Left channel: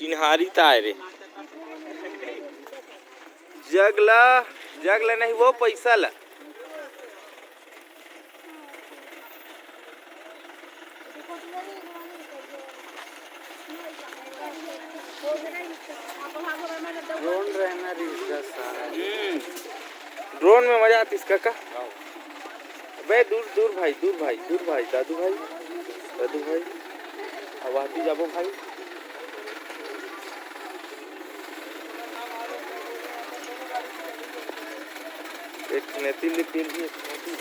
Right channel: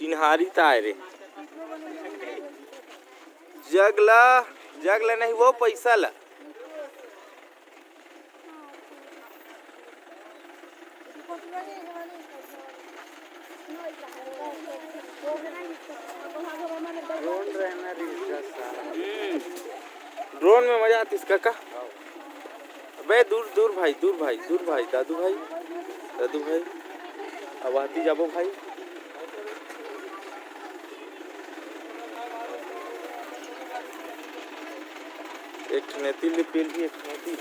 चिन्हारी ताय रे जगला नहीं वो पैसा ला ड्रोन में मजा आती इसका का बे दूर भाई दादू भाई अब आती जाबो भाई एक नेती ले पेल भी एक मोती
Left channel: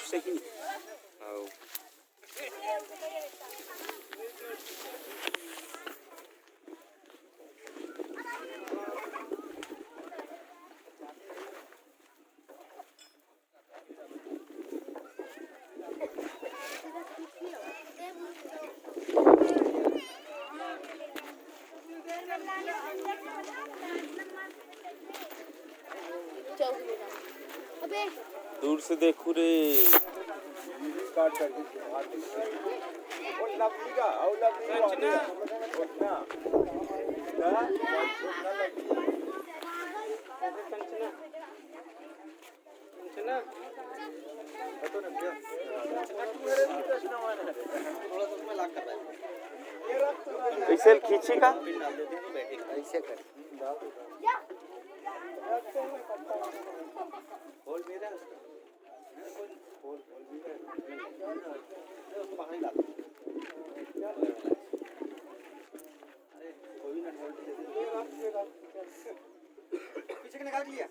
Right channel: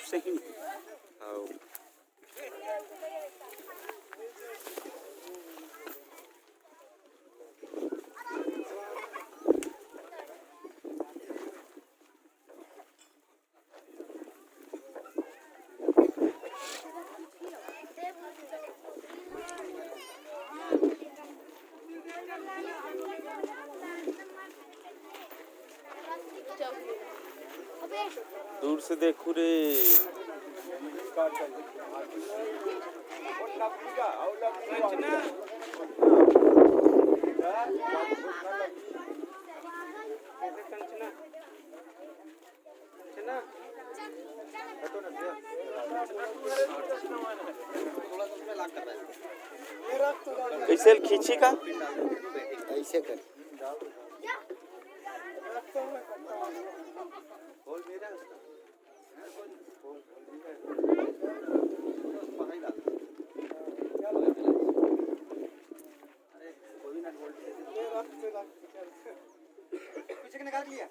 सही दूर से देखू रे कैसे खींची का ऐसे कर पीछे निकाल लिया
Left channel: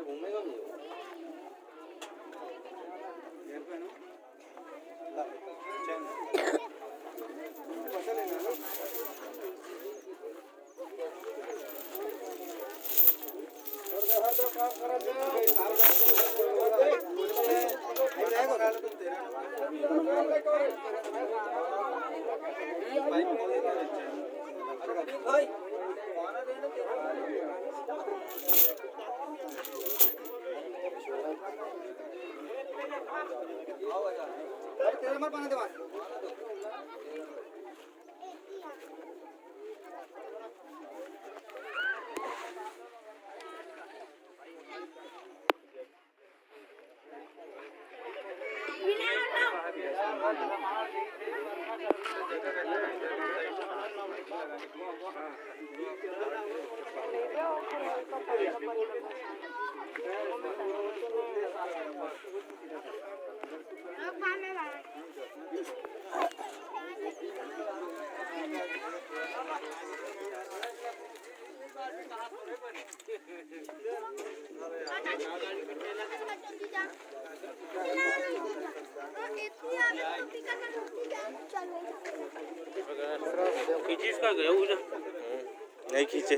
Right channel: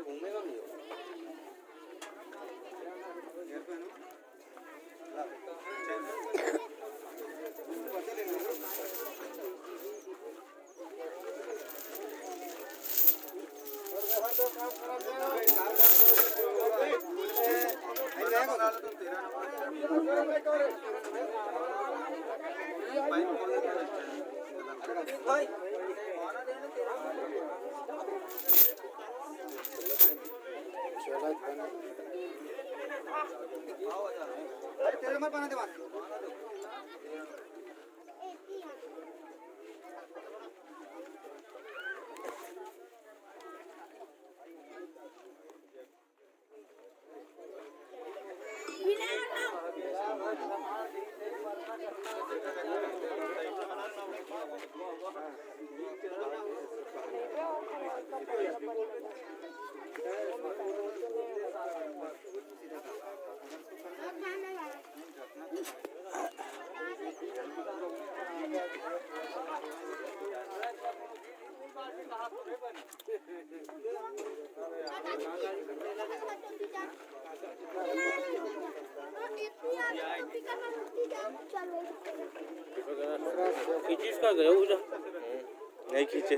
घूमेगा भी तेरे मत पाना दे खींची इसका गया नहीं खींचे